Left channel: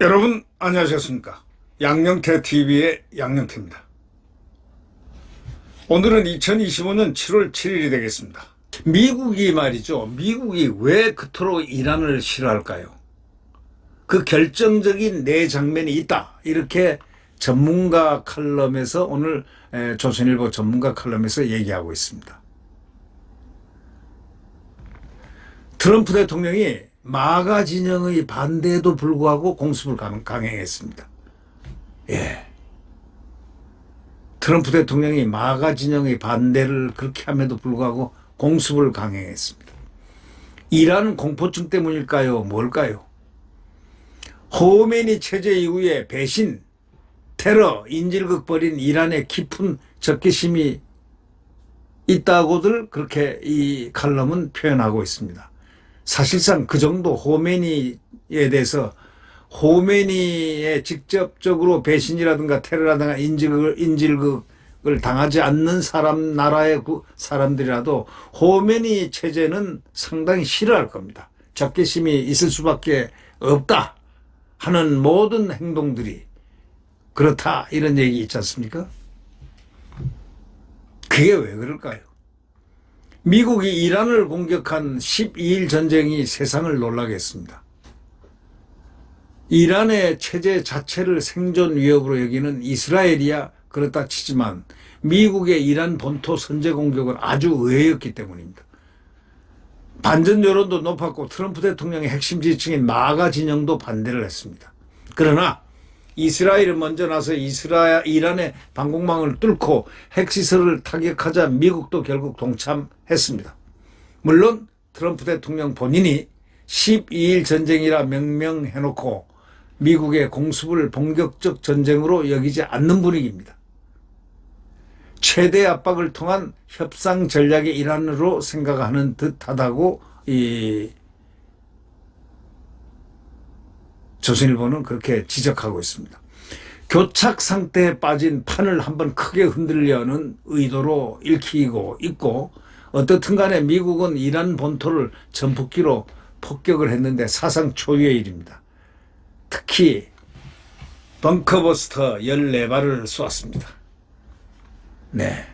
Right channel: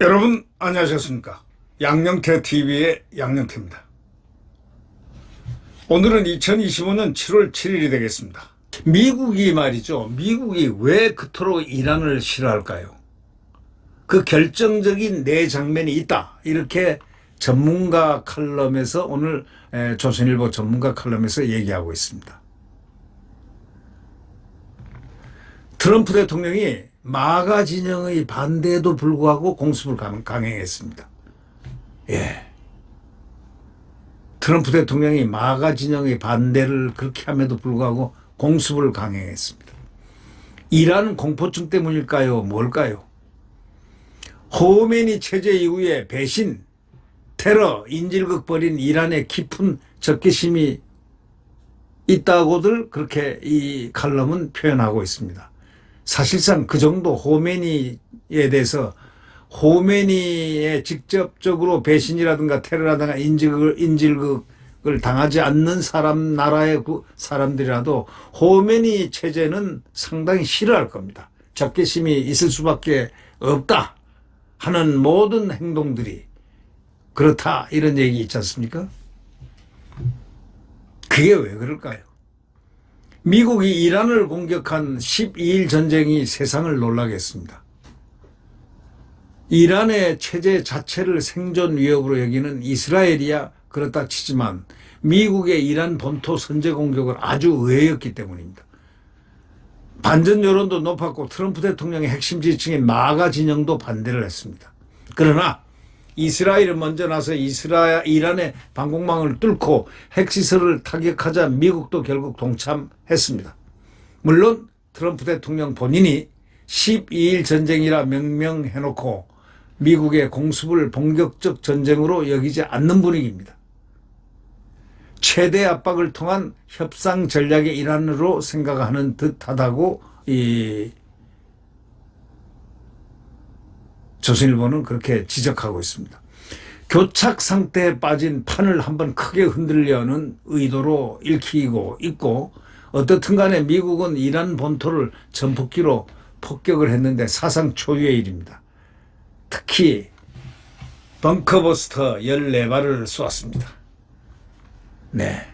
여러분 안녕하셨습니까? 양영태 TV의 양영태입니다. 오늘은 2025년 7월 7일이 되겠습니다. 미국이 말이죠. 미국이 왜 그토록 이란을 싫어할까요? 그 결정적인 네 장면이 있다. 이렇게 전문가 칼럼에서 오늘 조선일보 전문가 칼럼에서 얘기하고 있습니다. 트럼프 대통령이 마가 진영의 반대에도 불구하고 공습을 강행했습니다. 예. 트럼프 대통령이 마가 진영의 반대를 그렇게 함에도 불구하고 공습을 강행했습니다. 이란 공포증 때문일까요? 뭘까요? 호메니 체제 이후에 배신, 테러, 인질극 벌인 이란의 깊은 적개심이 있다고들 그렇게 이 칼럼은 표현하고 있습니다. 사실상 그 정도 호메니에 대해서 호메니에 직접적으로 배신이라든가 테러라든가 인질극을 당하지 않는 나라의 사람들이라도 호메니 체제는 상당히 싫어할 겁니다. 적개심이 있을 수밖에 없다 하는 모든 행동들이 그렇다 이런 얘기 있지 않습니까? 그게 왜 그럴까요? 미국이 이란을 공격한 12일 전쟁이 세상을 놀라게 했습니다. 이란의 체제 자체를 생존 위협으로 여기는 이스라엘이야 그렇다 치지만 미국의 이란 본토 선제 공격은 아주 의외였기 때문입니다. 반전 여론도 높았고 트럼프 대통령의 핵심 지지층인 마가 진영도 반대를 했습니다. 그러나 이스라엘이 먼저 나서 이란의 방공망을 뚫고 핵시설을 타격하자 미국도 결국 동참했습니다. 물론 트럼프 대통령 본인이 12일 전쟁이라 명명해놓고 미국의 공습을 본격적 전쟁으로 여기지 않는 분위기입니다. 최대 압박을 통한 협상 전략의 일환으로 생각하는 듯하다고 조선일보는 그렇게 지적하고 있습니다. 교착 상태에 빠진 판을 한번 크게 흔들려는 의도로 읽히고 있고 어떻든 간에 미국은 이란 본토를 전폭기로 폭격을 했는데 사상 초유의 일입니다. 특히 벙커버스터 14발을 쏘았습니다. 네.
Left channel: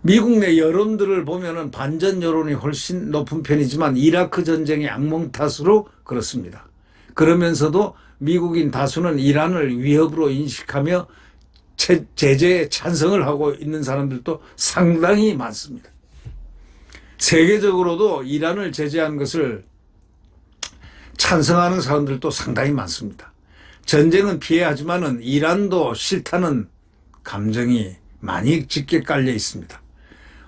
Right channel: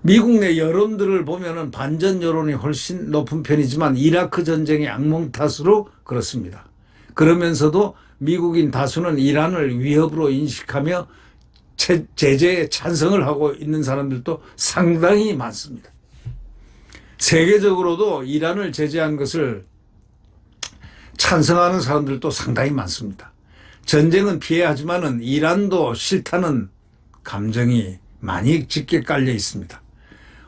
미국 내 여론들을 보면은 반전 여론이 훨씬 높은 편이지만 이라크 전쟁의 악몽 탓으로 그렇습니다. 그러면서도 미국인 다수는 이란을 위협으로 인식하며 제재에 찬성을 하고 있는 사람들도 상당히 많습니다. 세계적으로도 이란을 제재한 것을 찬성하는 사람들도 상당히 많습니다. 전쟁은 피해야 하지만은 이란도 싫다는 감정이 많이 짙게 깔려 있습니다.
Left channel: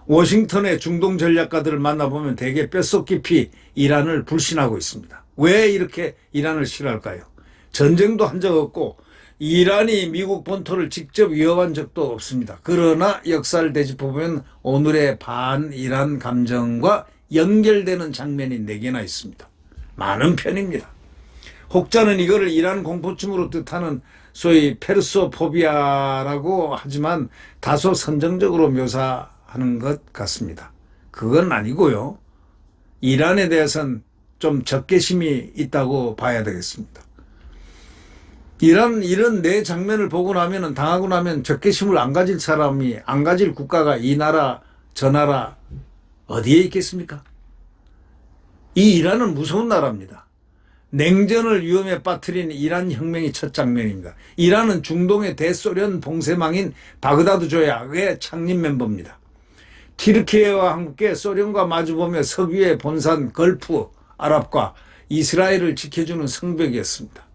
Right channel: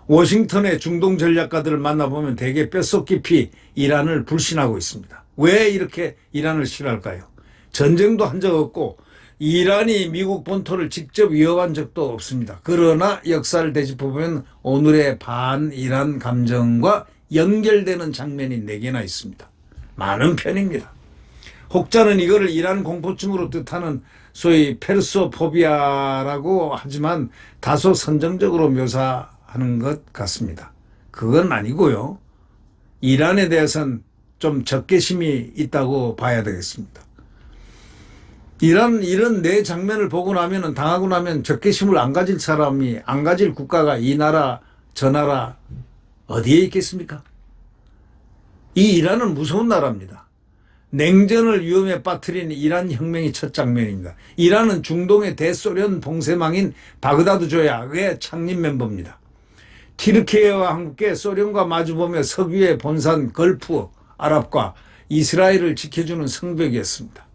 워싱턴의 중동 전략가들을 만나보면 대개 뼛속 깊이 이란을 불신하고 있습니다. 왜 이렇게 이란을 싫어할까요? 전쟁도 한 적 없고 이란이 미국 본토를 직접 위협한 적도 없습니다. 그러나 역사를 되짚어보면 오늘의 반이란 감정과 연결되는 장면이 4개나 있습니다. 많은 편입니다. 혹자는 이거를 이란 공포증으로 뜻하는 소위 페르소포비아라고 하지만 다소 선정적으로 묘사하는 것 같습니다. 그건 아니고요. 이란에 대해서는 좀 적개심이 있다고 봐야 되겠습니다. 이런 네 장면을 보고 나면은 당하고 나면 적개심을 안 가질 사람이 안 가질 국가가 이 나라 저 나라 어디에 있겠습니까? 이 이란은 무서운 나라입니다. 냉전을 위험에 빠뜨린 이란 혁명이 첫 장면입니다. 이란은 중동의 대소련 봉쇄망인 바그다드 조약의 창립 멤버입니다. 튀르키예와 함께 소련과 마주보며 석유의 본산 걸프 아랍과 이스라엘을 지켜주는 성벽이었습니다.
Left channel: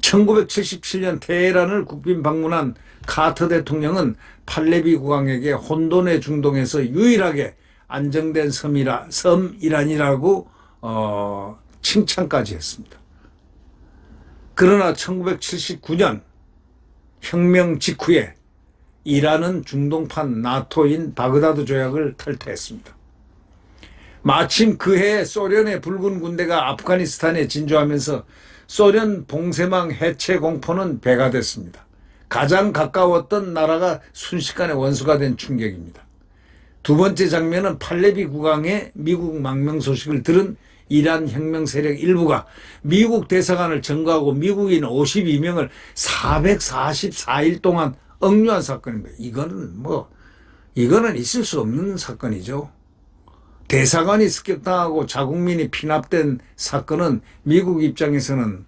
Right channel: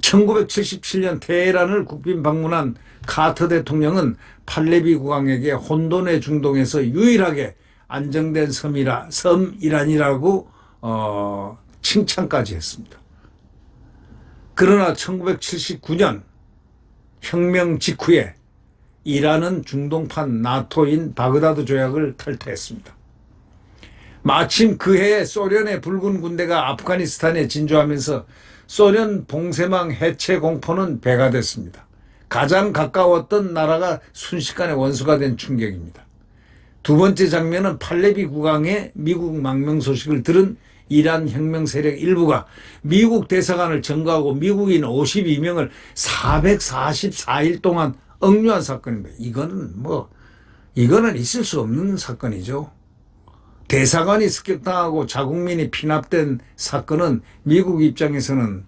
1977년 테헤란을 국빈 방문한 카터 대통령은 팔레비 국왕에게 혼돈의 중동에서 유일하게 안정된 섬이란이라고 칭찬까지 했습니다. 그러나 1979년 혁명 직후에 이란은 중동판 나토인 바그다드 조약을 탈퇴했습니다. 마침 그 해에 소련의 붉은 군대가 아프가니스탄에 진주하면서 소련 봉쇄망 해체 공포는 배가 됐습니다. 가장 가까웠던 나라가 순식간에 원수가 된 충격입니다. 두 번째 장면은 팔레비 국왕의 미국 망명 소식을 들은 이란 혁명 세력 일부가 미국 대사관을 점거하고 미국인 52명을 444일 동안 억류한 사건입니다. 이거는 있을 수 없는 사건이죠. 대사관이 습격당하고 자국민이 피납된 사건은 미국 입장에서는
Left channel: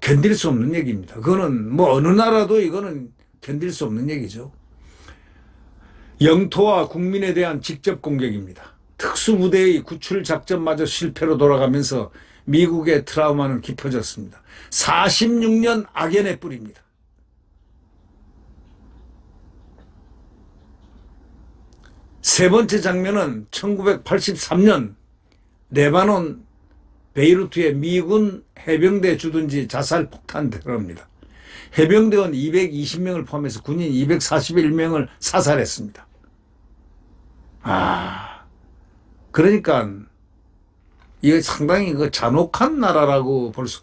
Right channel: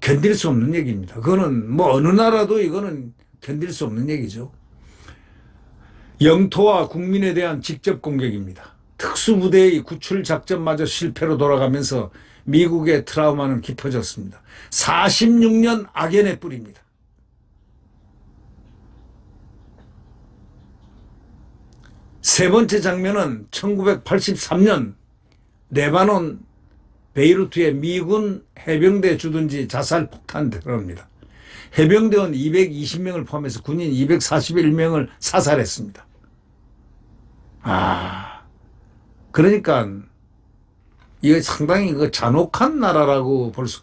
견딜 수 없는 얘기입니다. 그거는 어느 나라도 이거는 견딜 수 없는 얘기죠. 영토와 국민에 대한 직접 공격입니다. 특수부대의 구출 작전마저 실패로 돌아가면서 미국의 트라우마는 깊어졌습니다. 46년 악연의 뿌리입니다. 세 번째 장면은 1983년 레바논 베이루트의 미군 해병대 주둔지 자살 폭탄 테러입니다. 해병대원 220명을 포함해서 군인 241명을 사살했습니다. 그러니까 이게 상당히 잔혹한 나라라고 볼 수.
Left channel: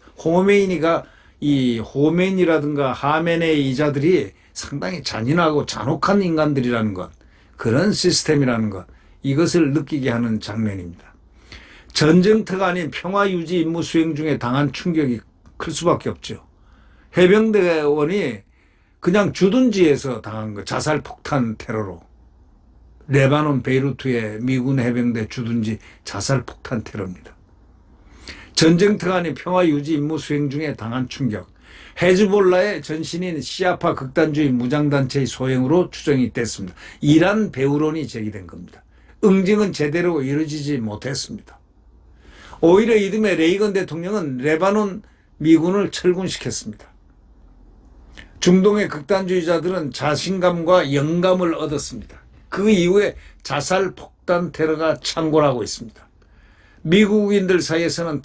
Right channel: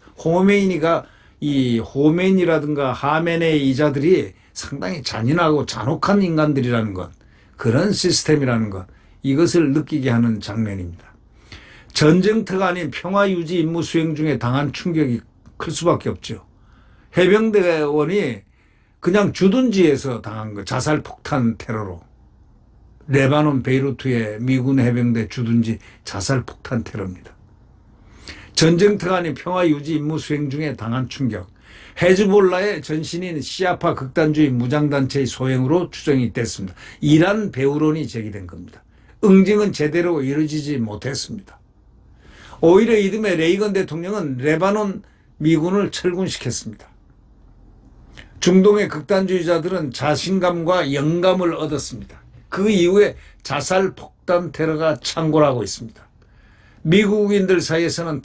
호메인이라든가 하메네이 이자들이 상당히 잔인하고 잔혹한 인간들이라는 것, 그런 시스템이라는 것, 이것을 느끼게 하는 장면입니다. 전쟁터가 아닌 평화유지 임무 수행 중에 당한 충격이 클 수밖에 없죠. 해병대원이 그냥 주둔지에서 당한 거, 자살 폭탄 테러로. 레바논 베이루트의 미군 해병대 주둔지 자살 폭탄 테러입니다. 전쟁터가 아닌 평화유지 임무 수행 중에 당한 충격. 헤즈볼라의 전신인 시아파 극단주의 무장단체의 소행으로 추정이 됐습니다. 이란 배후론이 제기된 겁니다. 응징은 제대로 이루어지지 못했습니다. 오히려 이듬해 레이건 대통령은 레바논 미군을 철군시켰습니다. 중동의 극단주의자들은 자신감과 영감을 얻었습니다. 그 이후에 자살 폭탄 테러가 창궐하고 있습니다. 미국인들 사이에서는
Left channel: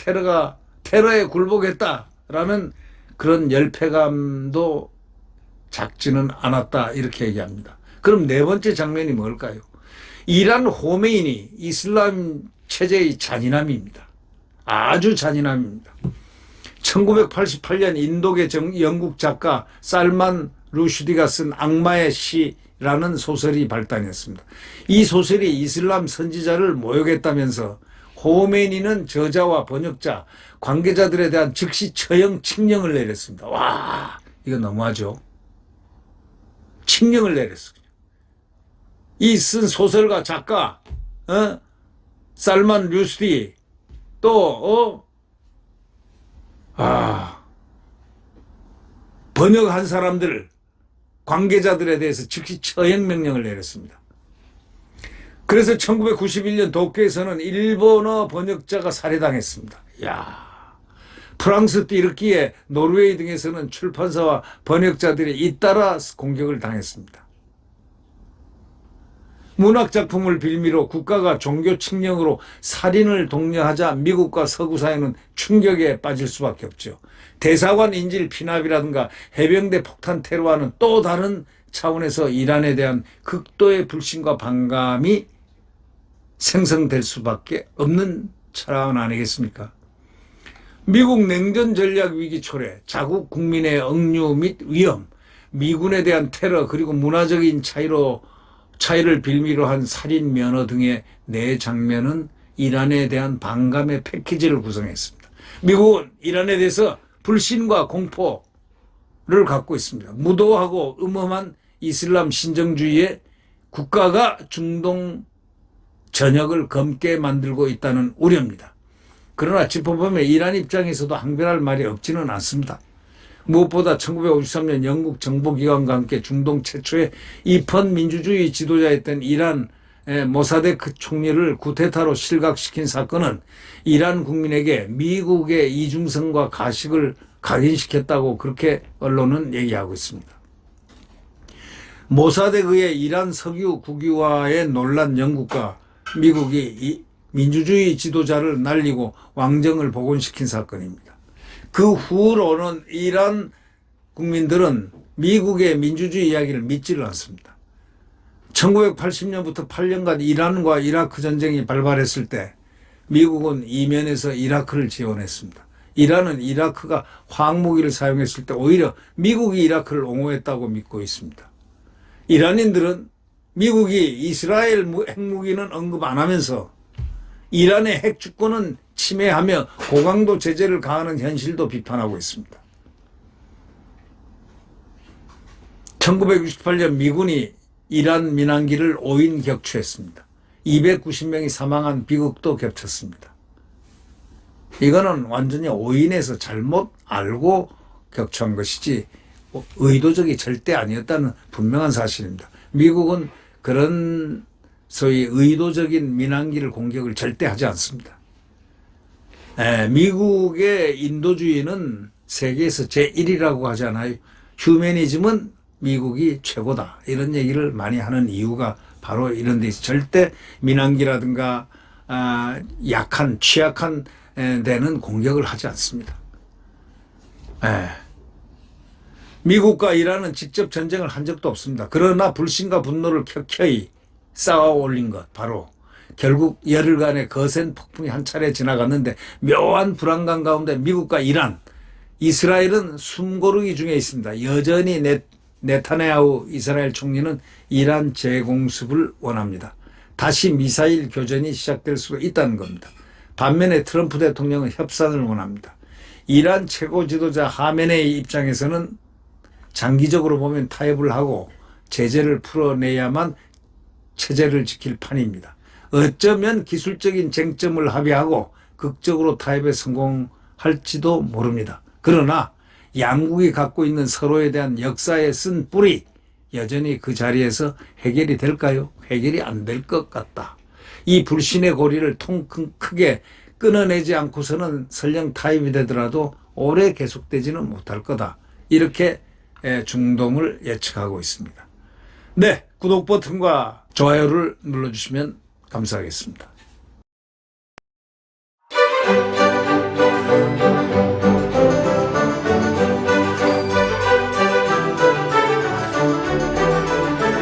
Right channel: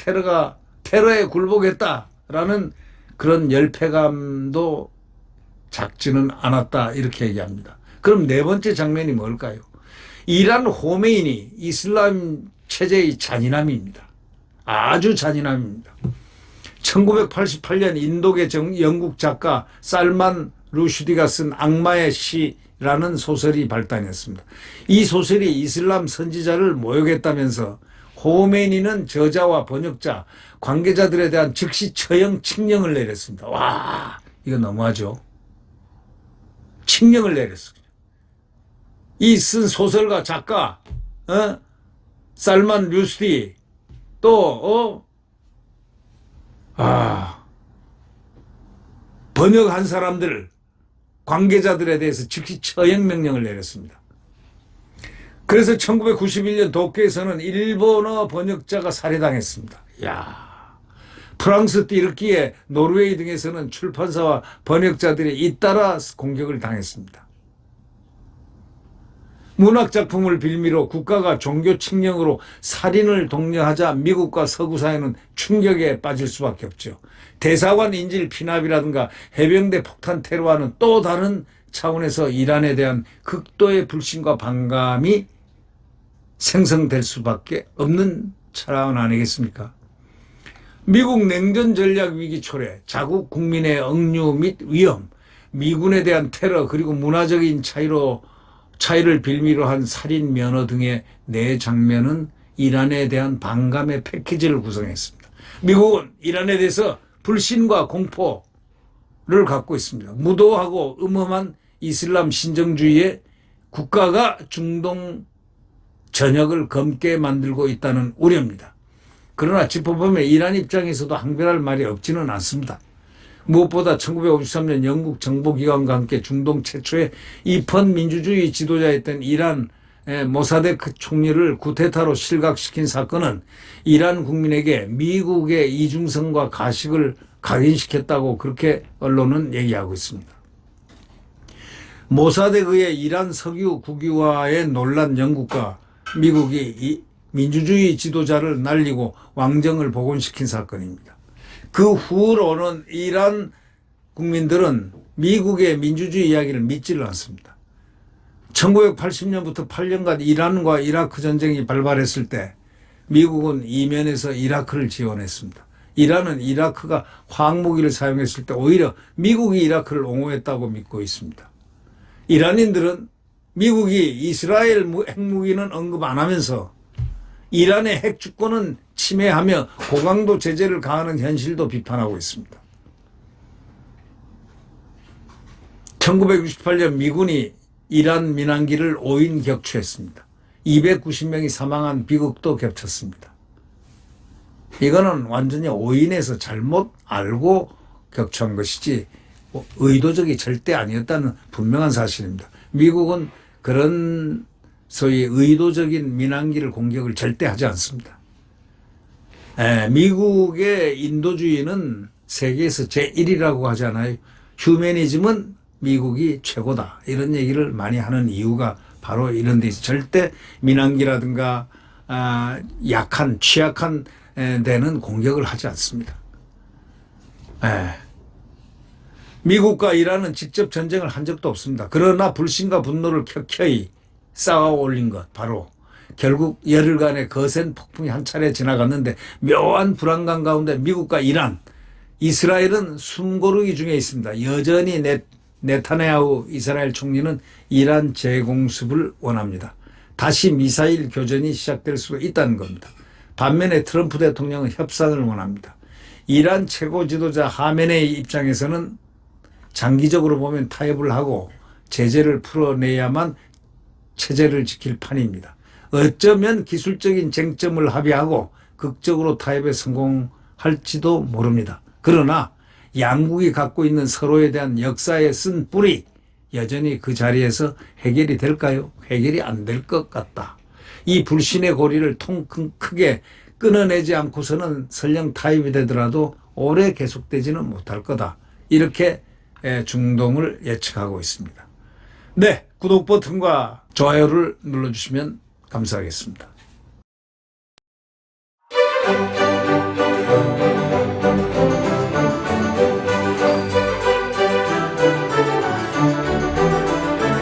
테러에 굴복했다라는 그런 열패감도 작지는 않았다, 이렇게 얘기합니다. 그럼 네 번째 장면이 뭘까요? 이란 호메인이 이슬람 체제의 잔인함입니다. 아주 잔인함입니다. 1988년 인도계 영국 작가 살만 루슈디가 쓴 악마의 시라는 소설이 발단했습니다. 이 소설이 이슬람 선지자를 모욕했다면서 호메이니는 저자와 번역자, 관계자들에 대한 즉시 처형 칙령을 내렸습니다. 와, 이거 너무하죠. 칙령을 내렸어요. 이 쓴 소설가 작가 살만 루슈디 또 번역한 사람들, 관계자들에 대해서 즉시 처형 명령을 내렸습니다. 그래서 1991년 도쿄에서는 일본어 번역자가 살해당했습니다. 프랑스 띠르키에 노르웨이 등에서는 출판사와 번역자들이 잇따라 공격을 당했습니다. 문학작품을 빌미로 국가가 종교 칙령으로 살인을 독려하자 미국과 서구 사회는 충격에 빠질 수밖에 없죠. 대사관 인질 피납이라든가 해병대 폭탄 테러와는 또 다른 차원에서 이란에 대한 극도의 불신과 반감이 생성될 수밖에 없는 차원 아니겠습니까? 미국 냉전 전략 위기 초래, 자국 국민의 억류 및 위험, 미군에 대한 테러, 그리고 문화적인 차이를 빌미로 한 살인 면허 등의 네 장면은 이란에 대한 반감의 패키지를 구성했습니다. 미국은 이란에 대해서 불신과 공포를 갖고 있습니다. 무도하고 음험한 이슬람 신정주의의 국가가 중동 전역을 검게 만들고 있다는 우려입니다. 그러나 짚어보면 이란 입장에서도 항변할 말이 없지는 않습니다. 무엇보다 1953년 영국 정보기관과 함께 중동 최초의 입헌 민주주의 지도자였던 이란 모사데크 총리를 쿠데타로 실각시킨 사건은 이란 국민에게 미국의 이중성과 가식을 각인시켰다고 그렇게 언론은 얘기하고 있습니다. 모사데크의 이란 석유 국유화에 놀란 영국과 미국이 이 민주주의 지도자를 날리고 왕정을 복원시킨 사건입니다. 그 후로는 이란 국민들은 미국의 민주주의 이야기를 믿지를 않습니다. 1980년부터 8년간 이란과 이라크 전쟁이 발발했을 때 미국은 이면에서 이라크를 지원했습니다. 이란은 이라크가 화학무기를 사용했을 때 오히려 미국이 이라크를 옹호했다고 믿고 있습니다. 이란인들은 미국이 이스라엘 핵무기는 언급 안 하면서 이란의 핵주권은 침해하며 고강도 제재를 가하는 현실도 비판하고 있습니다. 1968년 미군이 이란 민항기를 5인 격추했습니다. 290명이 사망한 비극도 겹쳤습니다. 이거는 완전히 5인에서 잘못 알고 격추한 것이지 의도적이 절대 아니었다는 분명한 사실입니다. 미국은 그런 소위 의도적인 민항기를 공격을 절대 하지 않습니다. 미국의 인도주의는 세계에서 제1이라고 하잖아요. 휴머니즘은 미국이 최고다. 이런 얘기를 많이 하는 이유가 바로 이런 데 있어요. 절대 민항기라든가 약한 취약한 데는 공격을 하지 않습니다. 미국과 이란은 직접 전쟁을 한 적도 없습니다. 그러나 불신과 분노를 켜켜이 쌓아 올린 것 바로 결국 열흘간의 거센 폭풍이 한 차례 지나갔는데 묘한 불안감 가운데 미국과 이란, 이스라엘은 숨고르기 중에 있습니다. 여전히 네타냐후 이스라엘 총리는 이란 재공습을 원합니다. 다시 미사일 교전이 시작될 수 있다는 겁니다. 반면에 트럼프 대통령은 협상을 원합니다. 이란 최고 지도자 하메네이 입장에서는 장기적으로 보면 타협을 하고 제재를 풀어내야만 체제를 지킬 판입니다. 어쩌면 기술적인 쟁점을 합의하고 극적으로 타협에 성공할지도 모릅니다. 그러나 양국이 갖고 있는 서로에 대한 역사에 쓴 뿌리 여전히 그 자리에서 해결이 될까요? 해결이 안 될 것 같다. 이 불신의 고리를 크게 끊어내지 않고서는 설령 타협이 되더라도 오래 계속되지는 못할 거다. 이렇게 중동을 예측하고 있습니다. 네, 구독 버튼과 좋아요를 눌러주시면 감사하겠습니다.